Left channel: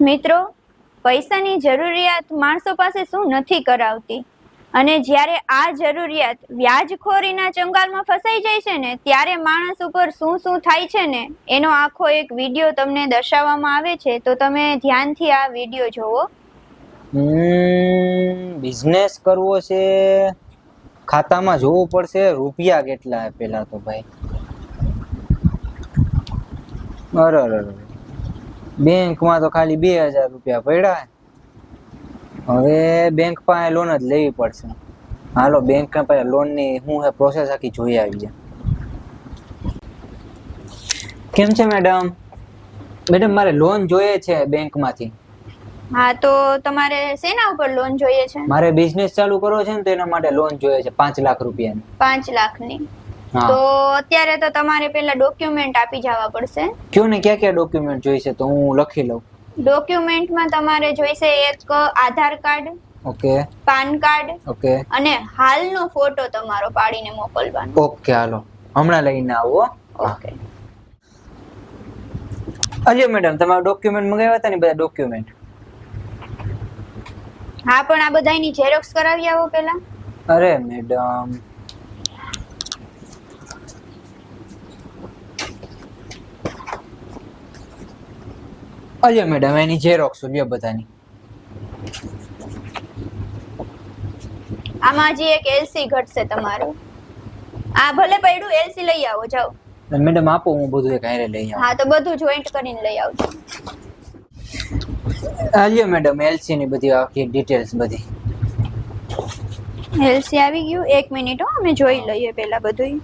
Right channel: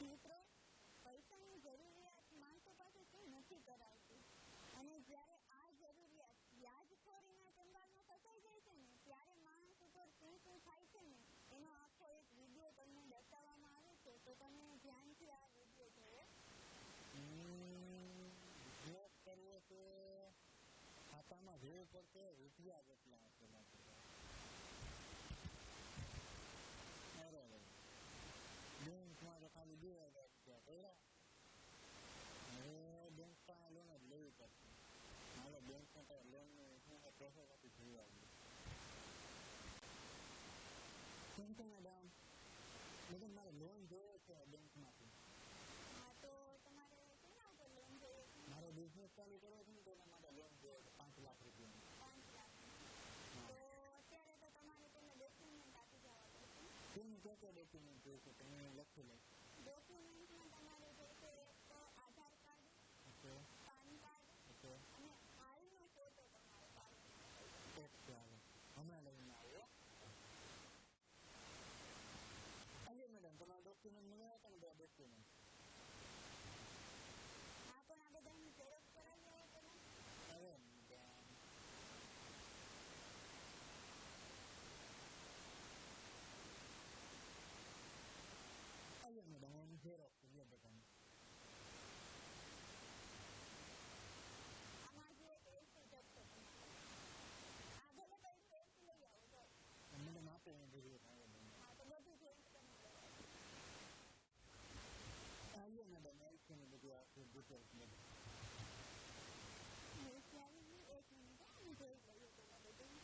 મિત્રો, પૈસાની જરૂરિયાત માણસો પાસે શું નથી કરાવતી, અને જ્યારે આ જરૂરિયાત વ્યાજખોરીના ચંગાલમાં ફસાઈ જાય છે ને ત્યારે માણસ ઉપર શું શું થાય છે ને એનો આખો એક વિડીયો તમને દર્શાવવામાં આવે છે. તો તમે ધ્યાનથી આ વિડીયો જોવો. બિઝનેસ કરવો છે, ખાતામાં જોવું પડશે રૂપિયા કેટલા પેલા તો ભાઈ. અરે બેંકમાં તો ખાલી 2000 રૂપિયા પડ્યા. હવે બેંક પાસે લોન જ લેવી પડશે. હાલો બેંક પાસે લોન ની શું હે પ્રોસેસ આખી જોઈ આવીએ. કેમ છે મેડમ? મેડમ મારે લોન જોઈએ છે બેંકમાંથી. હા, તો તમારે શેના ઉપર લોન જોઈએ છે? મારે બિઝનેસ ચાલુ કરવો છે ને તો એના માટે લોન જોઈએ છે 5 લાખ રૂપિયાની. 5 લાખની? તો અત્યારે તો તમારે પેલા ડોક્યુમેન્ટ આપી જવા પડશે. કયો ને ક્યાં ક્યાં ડોક્યુમેન્ટ જોઈશે તો હું લખી લઉં. ડોક્યુમેન્ટમાં તમારે જોઈશે એક Aadhaar card, okay, PAN card, okay, અને હાલનો ફોટો તમારો પાડીને મોકલવાનો. ઓકે હાલો હમણાં લઈને આવો. ઓકે. અલ્યો મેડમ તમારા ડોક્યુમેન્ટ મંગાવ્યા હતા ને બધા ડોક્યુમેન્ટ? હા, પણ આ બધાની ઝેરોક્સ કરાવી આવો પેલા. અરે મેડમ અલ્યો મેડમ એની ઝેરોક્સ લ્યો બધાની. આમાં જે એક એલસી ઘટશે તમારું. આ ભલે પડ્યું, એલસી લઈ આવો જાઓ. મેડમ આપો હું બધું એક હારે લઈ આવું. હા, તો બધું જોઈન્ટ કરીને લઈ આવજો. અલ્યો મેડમ એલસી ની બધી આખી ડિટેલ્સ બધી. એલસી આવી ગયું. 1 મિનિટ હો, અમે જોઈ લઈએ પેલા બધું.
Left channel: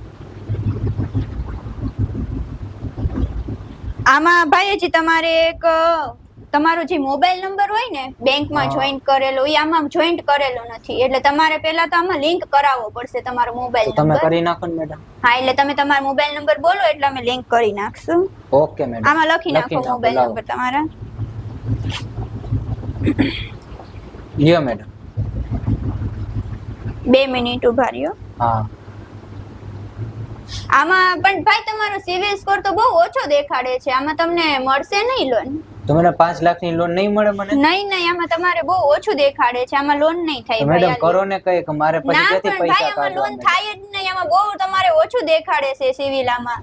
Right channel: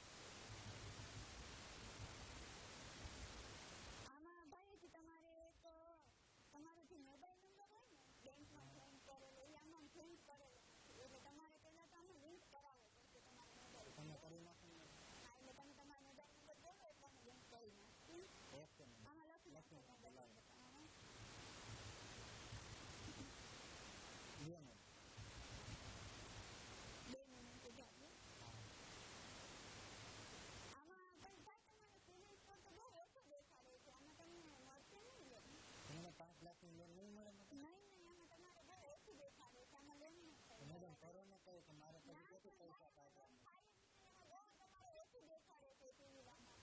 આમાં ભાઈજી તમારે એક તમારો જે મોબાઈલ નંબર હોય ને બેંકમાં જોઈન્ટ કરેલો, એ આમાં જોઈન્ટ કરેલો નથી. એટલે તમારે પહેલા તો આમાં લિંક કરાવવો પડશે તમારો મોબાઈલ નંબર. તમે કરી નાખો ને મેડમ. હા, એટલે તમે તમારો મોબાઈલ નંબર બોલો એટલે અમે લિંક કરી નાખશું. Okay madam. આમાં લખી નાખો મોબાઈલ નંબર તમારા. લ્યો મેડમ. 2 મિનિટ ઉભા રહ્યો. હા. આમાં પણ ભાઈ તમારો સિવિલ સ્કોર તો બહુ ઓછો દેખાડે છે. આમાં તમને મળશે નહીં લોન. તો મને 5 લાખની લોન નહીં મળે મને? નહીં, આમાં તમારે બહુ ઓછું દેખાડે છે. આમાં લોન નહીં થાય. મેડમ કરો ને કઈ કે મારે પછી ક્યાંથી પૈસા કાઢવા? લોન થાય જ નહીં. આમાં બહુ તમારે ઓછું દેખાડે છે સિવિલ આમાં.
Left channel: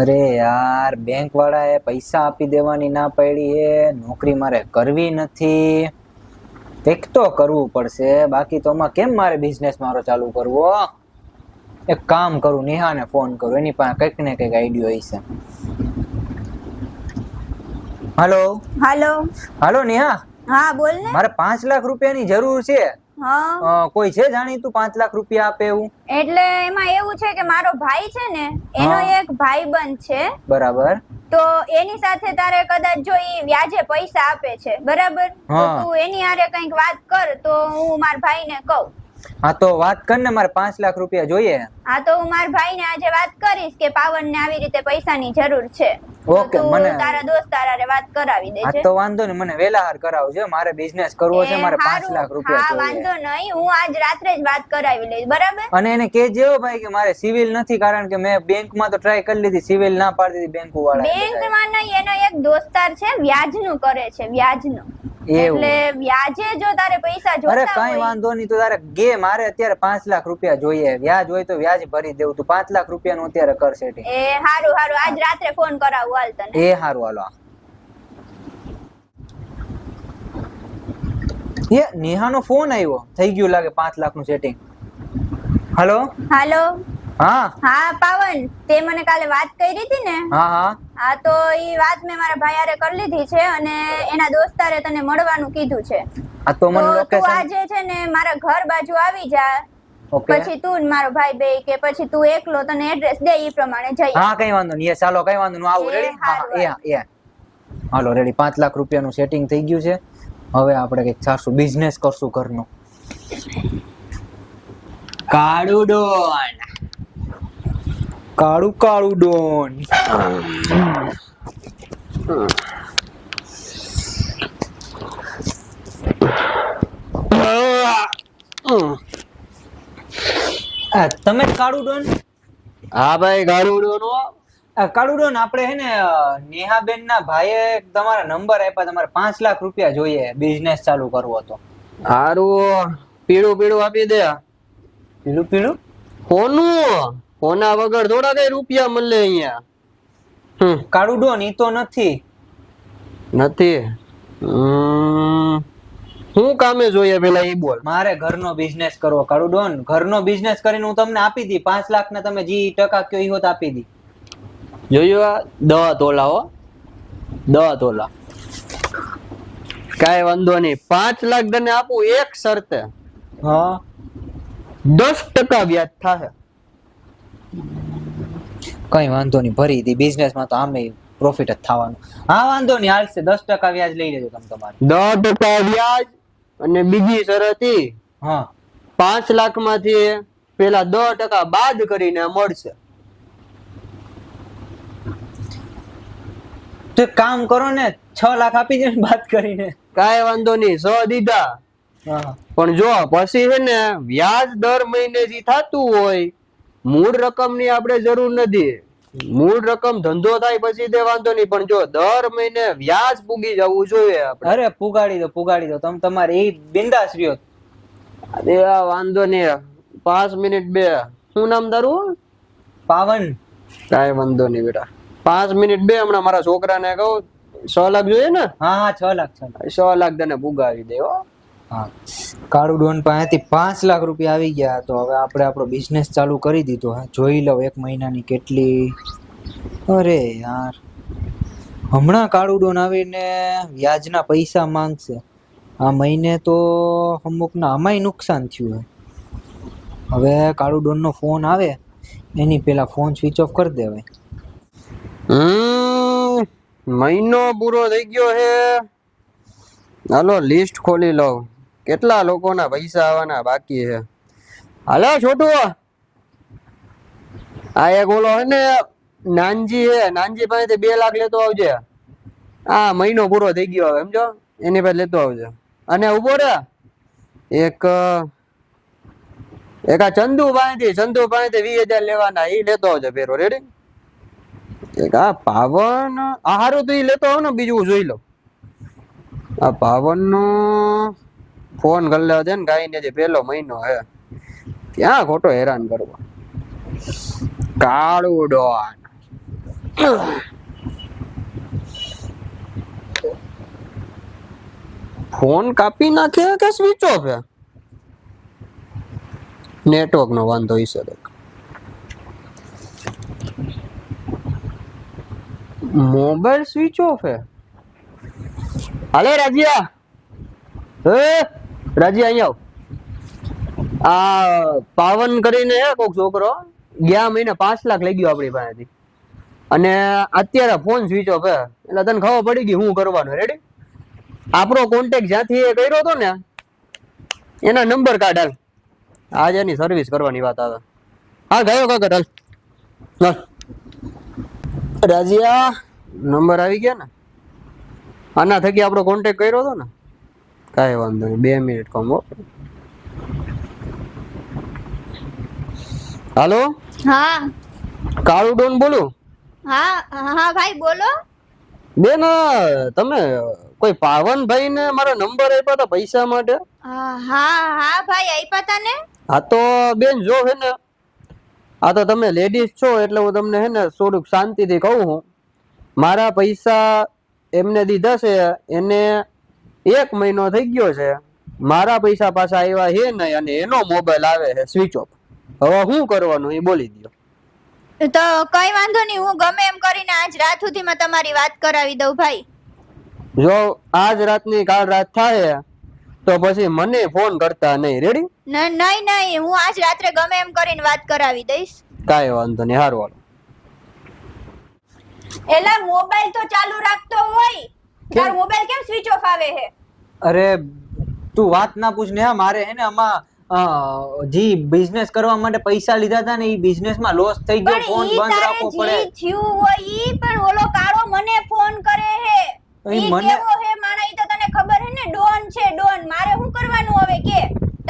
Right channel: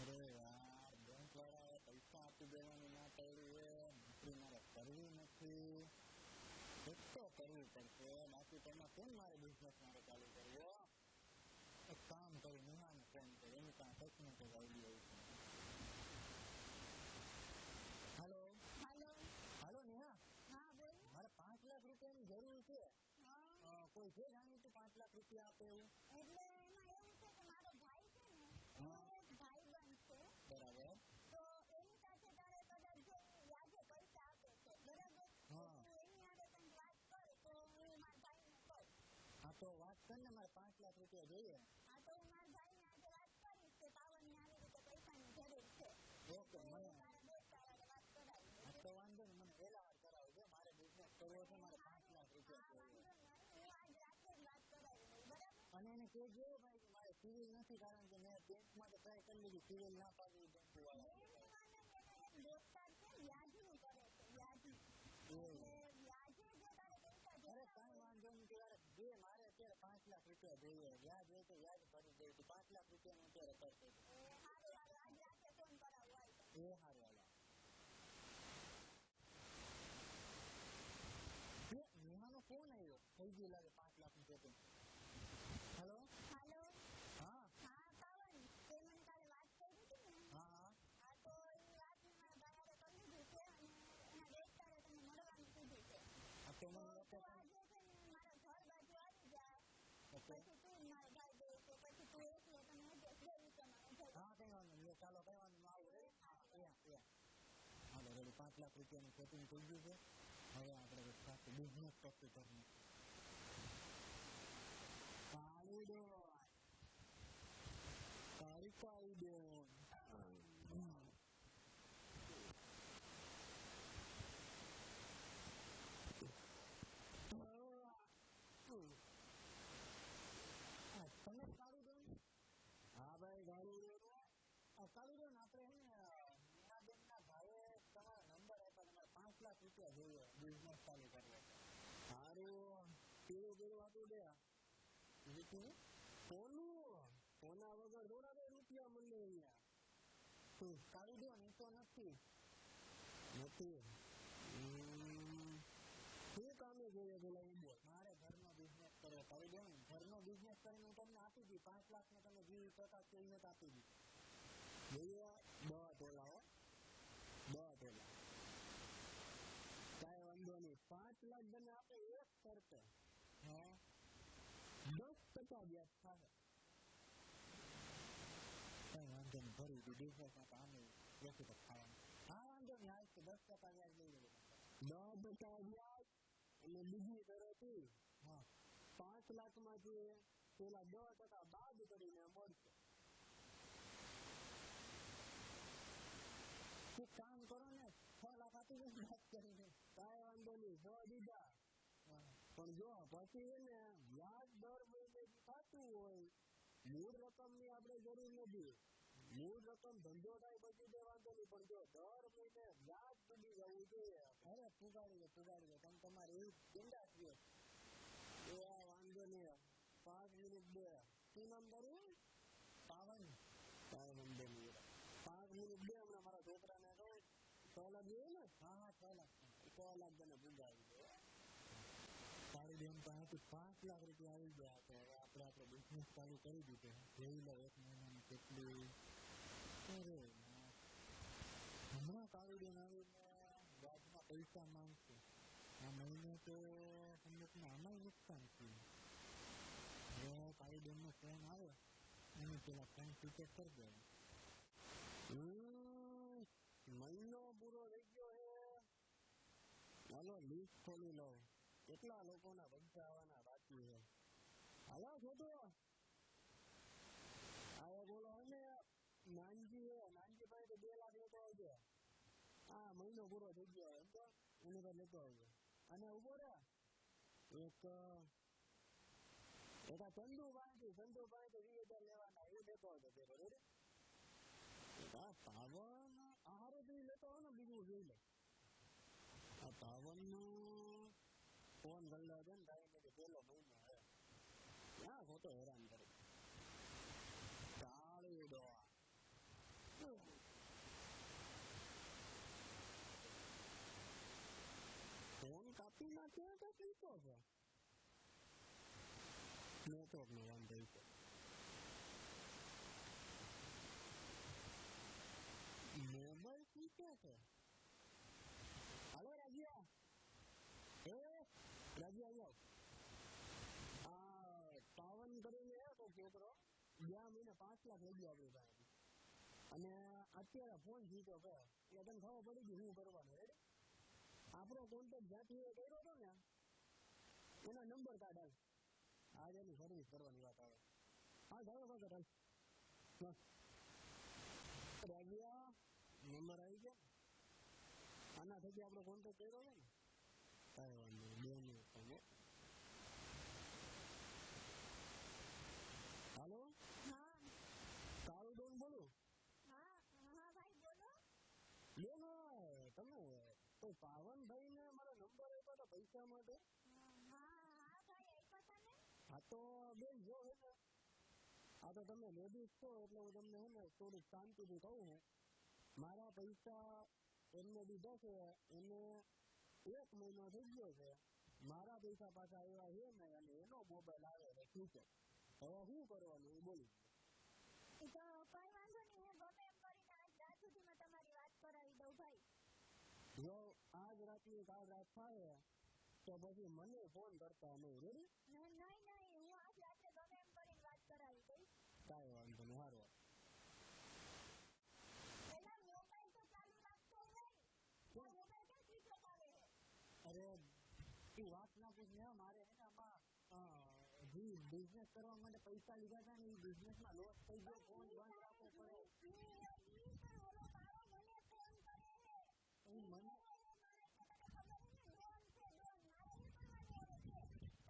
અરે યાર બેંક વાળાએ પૈસા આપી દેવાની ના પાડી એ. નોકરી મારે કરવી નથી. કંઈક તો કરવું પડશે, બાકી તો આમાં કેમ મારે બિઝનેસ મારો ચાલુ કરવો. એક કામ કરું, નેહાને ફોન કરું, એની પાસે કંઈક ને કંઈક આઈડિયો હશે. હાલો હાલો નેહા. હા બોલ ને. મારે 5 લાખ રૂપિયાની જરૂર છે. હા, કોઈ છે જાણીતું 5 લાખ રૂપિયા આપે એવું? એટલે એમાં એવું છે કે મારો ભાઈ છે ને એનો એક ભાઈબંધ છે. બરાબર. તો એની સાથે તારે કદાચ જો ઈ વ્યાજે પૈસા આપે છે, બરાબર, તો તું એની હારે કંઈક વાત કર તો હું મારા ભાઈને કહું. હા તો વાત કર ને, મારે 5 લાખ રૂપિયા જોઈએ. હા, તો હું મારા ભાઈને આજે વાત કરીશ કે પાવન ને આવી રીતે પૈસાની જરૂર છે. ઓકે, મને તારા દોસ્તાર હારે વાત કરાવી દેજે. હા તો વાંધો ને, મને વેલાહાર કરાવજો. મારે બિઝનેસ કરવો છે, મારે 5 લાખ રૂપિયા હા, જોઈએ. વાંધો નહીં, હું આજ રાત્રે જ વાત કરાવી લઈશ, બરાબર. અને એને કહેજો ભાઈ કે મારે સિવિલ નથી, કારણ કે મેં બેંકમાં તો ટ્રાય કરી લીધી, સિવિલ ના પાડી દીધી બેંક વાળા. બેંકમાં નહીં, એનો એક દોસ્તાર છે વ્યાજનું કરે છે, વ્યાજનું. એટલે વ્યાજે જો તારે પૈસા જોતા હોય. અરે કઈ વાંધો નહીં, તો તારે ગે મારે અત્યારે 5 લાખ રૂપિયા જોઈએ. વ્યાજ હોય તો વ્યાજ ભરી દેવું. તું 5 લાખ રૂપિયાનું અત્યારે કર સેટિંગ. એ હારું આજ રાત્રે ફોન કરાવું હાલ તને. એ હારું હાલો. એ નેહાનો ફોન આવ્યો, થઈ ગયું લાગે 5 લાખનું સેટિંગ. હાલો હા પાવન, તે મને કાલે વાત કરી હતી ને. હા, તો ઈ વાત મેં મારા ભાઈ હારે કરી લીધી છે અને એના દોસ્તારે તને મળવાનું કીધું છે. આ તો મને લોકેશન તું આજે છે ને મારા ઘર બાજુ આવી જા. પછી તું ને મારો ભાઈ બે કે પછી તું એકલો, તને એડ્રેસ દે ઈ પ્રમાણે જઈએ. હા કઈ વાંધો નહીં. ચાલો કઈ વાંધો નહીં, આવું રેડી. હા હાલો રેડી. 5 લાખ રૂપિયાનું સેટિંગ થઈ ગયું છે. હવે આપણે કઈક સારું બિઝનેસ કરશું ઘરનો. કાળું ડોન. તમે કાળું ડોન? હા ભાઈ, કાળું ડોન. કાળુડો ને આપણે હે ને નેહાબેન ના ભાઈએ તમારા નંબર આપ્યા, તમારે 5 લાખ રૂપિયા જોઈએ બિઝનેસ ચાલુ કરવો તો. હારું પીળું પીળું આપી દે. પીળું પીળું કોનું? કોના વગર થોડા કઈ રૂપિયા મળે અહીંયા. કાળુડો ની તો નથી. નથી. શું કામે જોઈએ પેલા એ બોલ. મારે ઘરનો બિઝનેસ કરવો કાળુડો. ઘરનો બિઝનેસ કરીને હું તમને આપી દી 5 લાખ ને તમે જે ટકા કયો ઈ હોત આપી દી. જોયું 10 તોલા હો, 10 તોલા. કાઈ વાંધો નહીં, 5 લાખ તને આપું એક શરતે. હા 10% વ્યાજ થાય. કઈ વાંધો નહીં, ભરી દી. બિઝનેસ માં તો આમે પ્રોફિટ જ થવાનું. હા વાંધો નહીં, હાલશે. 10% વ્યાજ લઈ લેજો તમે તમારે. 10% વ્યાજ અને બીજી શરત ઈ હા 5 લાખ માંથી પેલા 10% બાદ કરીને મળશે. તો એક કામ કરો ને, 6 લાખ આપી દે બાદ કરીને. કાઈ વાંધો નહીં, 100 દીધા. હા પણ જો પછી છે ને વ્યાજ દર મહિને જે થતું હોય, મૂળ રકમ ની આપણે જરૂર નથી. મૂળ રકમ ધંધો થાય પછી તે વાંધો નહીં, પણ જો દર મહિને વ્યાજ પૂગી જવું જોઈએ આપણે. અરે પુગાડી દો તમે તમારે એ બિંદાસ રહ્યો. અરે આ વાંધો નહીં, 5 મિનિટ બે. શું નામ તારું? પાવન. કાઈ વાંધો નહીં બેટા, 5 મિનિટ બે. હમણાં મારા છોકરાને કહું 6 લાખ જોઈએ ને. હા 6 લાખ 6 લાખ તને પુગાવી દે હો. હા કાળુ ડોન પાસેથી 5 લાખ રૂપિયા આવી ગયા. તો હવે આપણે આપણો બિઝનેસ ચાલુ કરી દીધો. જોઈ લઉં 1 મહિનાની કેટલી. અરે યાર, હમણાં કાળુ ડોન આવીને વ્યાજના પૈસા માંગશે. આ મહિને તો અમુકના આમાંય નુકસાન થયું. હવે કાળુ ડોનનો ફોન આવે એની પેલા ફોન સ્વિચ ઓફ કરી દેવાય. મહિનો પૂરો થઈ ગયો છે. હાલો લિસ્ટ ખોલી લઉં, કેટલા લોકોના પૈસા આવવાના બાકી છે. હાલો છોટુ, આ એક ઓલો હે ને નાનજી હે, નાનજી પાસેથી 2 લાખ લેતો આવજે. આ મહિનો પૂરો થઈ ગયો હવે, સમજો, એની પાસે લેતો આવજે. અને ઉભો રે, એક આ ચંદુ પાસેથી 20,000 લેવાના, એ લેતો આવજે પેરો. રેડી? એક આ પાવન, આ હારું તો એ લેતો આવ ને, બીજું જોઈ લો. આ પાવન નો ફોન કરી લેવા દે ને, ગાઈ ને જે પેલો મહિનો હે ક્યાં ખોટો હેરાન કરવો. કાળુ ડોન ફોન કાપી નાખે કે સ્વિચ ઓફ હે? નેટવર્ક નો વાંધો હશે. મોબાઈલ સ્વિચ ઓફ હે. હાલે રાજીયા, રાજીયા અહીંયા આવ. આ પાવન કરીને હે કોક છોકરો, ગયા મહિને 5 લાખ લઈ ગયો આપણી પાસેથી, અને અત્યારે ફોન સ્વિચ ઓફ હે. એટલે તને ખબર પડી ગઈ શું કરવાનું. રેડી? આપણો કોન્ટેક્ટ જ્યાંથી એ કર્યો હતો ને એના નંબર કાઢ. હાલ, આજે એની સર્વિસ કરવાની વાત આવે. હા ગયો કાકા, હાલ. રાજીયા, નંબર આવી ગયા ને? આના થકી આપણો કોન્ટેક્ટ કર્યો હતો ને? કાંઈ વાંધો નહીં, 2 મિનિટ કમો. હાલો, હા કાળુ ડોન બોલું. હા હા ભાઈ બોલો. બેન, તમે કોઈ પાવનભાઈ ને મારા નંબર આપ્યા હતા પૈસા માટે? હા હા ભાઈ આપ્યા તા ને. હા તો બેન જો હે ને, આ તો તમે લેડીઝ છો એટલે હું તમને હે ને થોડુંક શાંતિથી કહું છું. મારા પૈસા એમને દીધા છે, એને 1 મહિનો થઈ ગયો છે. મારા પૈસા પાછા આવ્યા છે નહીં, અને એનો મોબાઈલ આવે છે સ્વિચ ઓફ. હવે શું કરવાનું એ બોલી દો. તો કઈ વાંધો નહીં, હું ગમે એમ કરીને આજ રાત સુધીમાં તમારી વાત કરાવી દઉં ભાઈ. જો આજ રાતની કાલ રાત થાય તો પછી મને ફોન કરતા નહીં. રેડી? નહીં, હું આજ રાત્રે ગમે એમ કરીને વાત કરાવી દઈશ. કાંઈ વાંધો નહીં, હારું હાલો. એલા મોબાઈલ તો ચાલુ રાખતો હોય, તારો મોબાઈલ કેમ સ્વિચ ઓફ આવે છે? અરે તું વાત ના પૂછ ને. મારે હે ને આમાં જી બિઝનેસ કરવા માટે પૈસા લીધા હતા ને, એ બિઝનેસ માં લોસ થઈ ગયો. ફોન બંધ રાખવો પડે. થયું હોય ઈ પણ ઓલો કાળો મને ફોન કરે છે. ઈ કેવો હે માણા, ઈ તો તને ખબર હે ને, ડોન છે ડોન. મારે શું કરવાનું હવે કે?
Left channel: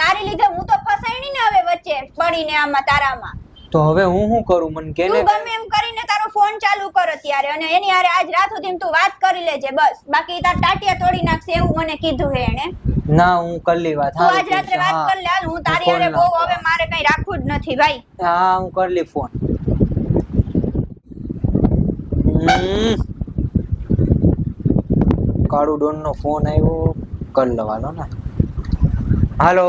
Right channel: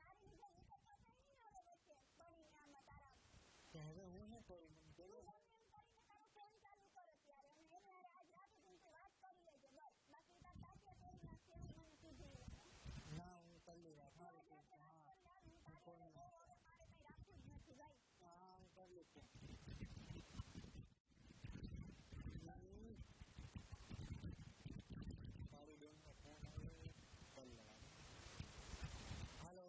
તારી લીધે હું તો ફસાઈ ને હવે વચ્ચે પડીને આમાં તારામાં. તો હવે હું શું કરું? મને કેને તું ગમે એમ કરીને તારો ફોન ચાલુ કર અત્યારે અને એની હારે આજ રાત સુધી તું વાત કરી લેજે બસ. બાકી તાર ટાટિયા તોડી નાખશે એવું મને કીધું છે એને. ના હું કરલી વાત. તું આજ રાત્રે વાત કરી લે. હાલ હું તારી હારે બહુ હવે મારે કઈ રાખવું જ નથી ભાઈ. હા હું કરલી phone. Kalu don't know phone આવ્યો, કર લવાનો ને. હાલો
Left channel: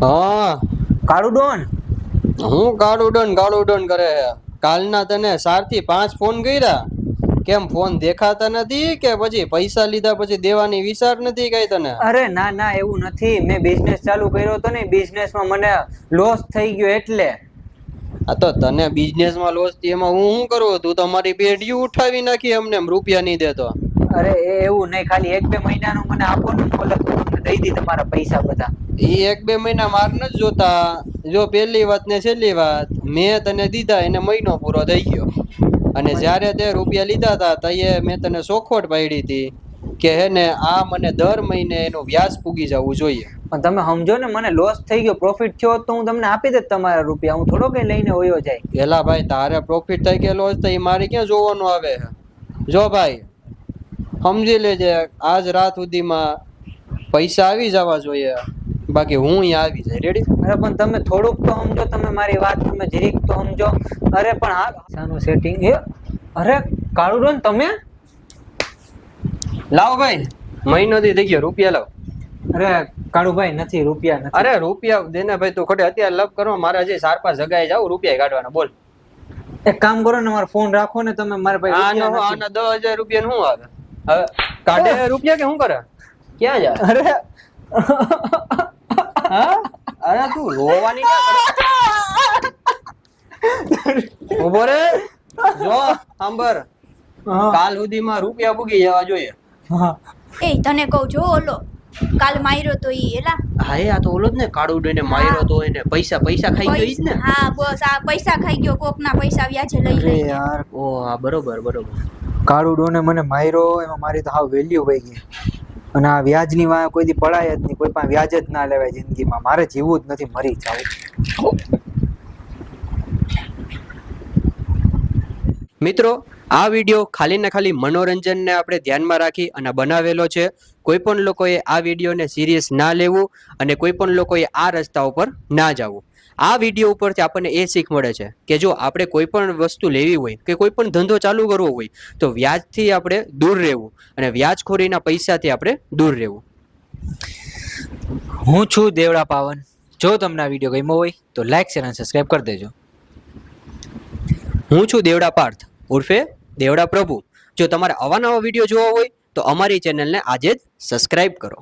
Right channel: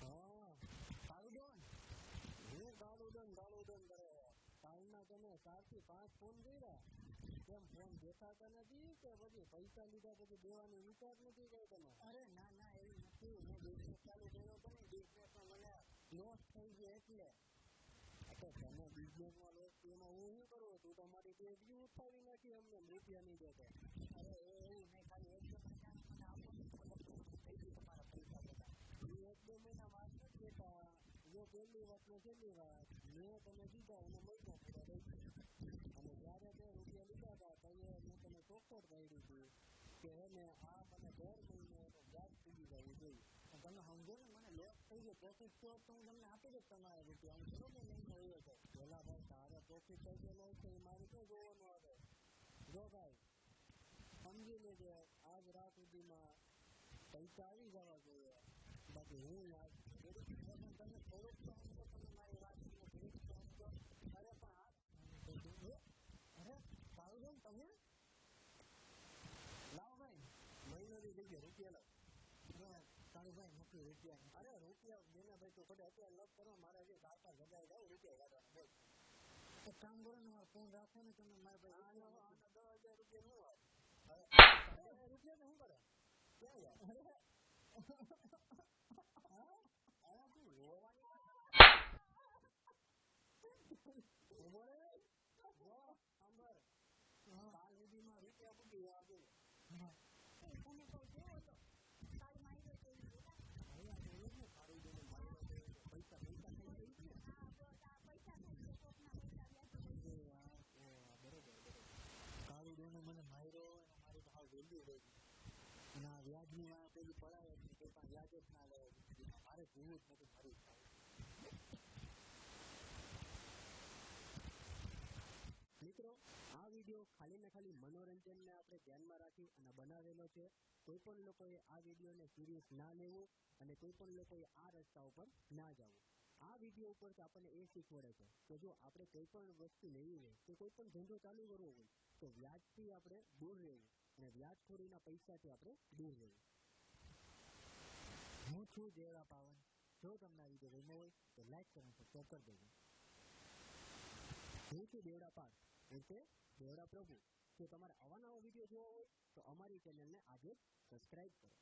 હા કાળુ ડોન. હું કાળુ ડોન કરે છે? કાલના તને 4 થી 5 ફોન કર્યા, કેમ ફોન દેખાતા નથી કે પછી પૈસા લીધા પછી દેવાની વિચાર નથી કઈ તને? અરે ના ના એવું નથી, મેં બિઝનેસ ચાલુ કર્યો હતો ને, બિઝનેસમાં મને લોસ થઈ ગયો એટલે. આ તો તને બિઝનેસમાં લોસ થી એમાં હું શું કરું? તું તો મારી પેઢી ઉઠાવી નાખી અમને રૂપિયા નહીં દેતો. અરે એવું નહીં, ખાલી 1-2 મહિનાનું મને આપો ને, તમને દઈ દી તમારા પૈસા બધા. એ 1-2 મહિના માર નથી જોતા. જો પહેલી વાત ને છેલ્લી વાત, મેં તને દીધા એને મહિનો પૂરો થઈ ગયો, અને જ્યારે તે રૂપિયા લીધા હતા તઈએ મેં તને ચોખવટ પાડી હતી કે હે ને આ મને દર મહિને એનું વ્યાજ પૂગી જવું જોઈએ. પણ તમે સમજો ને, મને લોસ થઈ ગયો, પ્રોફિટ થયો તો હું તમને આપી દેત તમારા રૂપિયા, હું થોડો કઈ લઈને હોયો જાય. પેલા ભાઈ તારે પ્રોફિટ થઈ કે લોસ થઈ મારે ક્યાં જોવાનું આવે? જો ભાઈ સમજી લેજે, આજ રાત સુધીમાં પૈસા આવી જવા જોઈએ, બાકી હું અહીંયા આવી જાય. રેડી? અરે પણ તમે થોડુંક તો સમજો, તમે મારી વાત તમે જરીક તો સમજો. અરે પણ આ સાનું સેટિંગ એ. અરે કાળુ ડોન તમે લાવ ભાઈ, મહિનો થી થઈ ગયો, રૂપિયા લાવ. અરે કાળુભાઈ નથી, રૂપિયા નથી. અરે રૂપિયા દેને ભાઈ, તું ખોટે અત્યારે લપ કરો, મારે હજી 4-5 જગ્યાએ જાવ, રૂપિયા કાઢવાના. બોલ. એક કામ કરો ને, મારો ફોન રાખો ને તમે, મારા પાસે આના 10,000 રૂપિયા શું આવે? હવે કાઢે રૂપિયા કે શું કરે? ક્યાં જાય? અરે હા? અરે તું રોવાની ઉભો રે. જો સાંભળ, કાલ સુધીમાં રૂપિયા પૂગી જવા જોઈએ. એ તને કહું જો ઓલો કાલ માર્યો તો ઈ એલા. હા આ તો ઓલો જ ને, કાળુ ડોને માર્યો તો એને પૈસા ખાઈ ગયો ઈ જ ને. હા બસ આ પૈસા ખાઈ ગયો, કોકના પૈસા વ્યાજે લઈ અરે લઈને. યાર, ઓ હા બરોબર. કાળુ ડોને મને માર્યો, એમાં મારી તો હાવ વેલ્યુ વહી ગઈ. અને આ વ્યાજની વાય કોઈ દી પડાય જ નહીં, કોઈ પણ વ્યાજ જ ના લેવાય જિંદગીમાં. મારે જીવવું જ નથી, મરી જાવું. મિત્રો, આ વિડીયો ખાલી ને ખાલી મનોરંજનને આપણે ધ્યાનમાં રાખી અને બનાવેલો છે. કોઈ પણ લોકોએ આ વિડીયોને સિરિયસ ના લેવું અને કોઈ પણ લોકોએ આ રસ્તા ઉપર ના જવું. આ વિડીયો ઉપરથી આપણને એ શીખ મળે છે કે જો આપણે કોઈ પણ વસ્તુ લેવી હોય કે કોઈ પણ ધંધો ચાલુ કરવો હોય તો વ્યાજથી આપણે દૂર રહેવું અને વ્યાજખોરીના પૈસાથી આપણે દૂર રહેવું. હું છું દેવડા પાવન. જો તમને આ વિડીયો ગમ્યો હોય તો લાઈક, શેર અને સબસ્ક્રાઇબ કરી દેજો. હું છું દેવડા પાર્થ ઉર્ફે દેવડા પ્રભુ. જો તમારે આવા નવા વિડીયો જોવા હોય તો અમારી ચેનલને આજે જ સબસ્ક્રાઇબ કરો.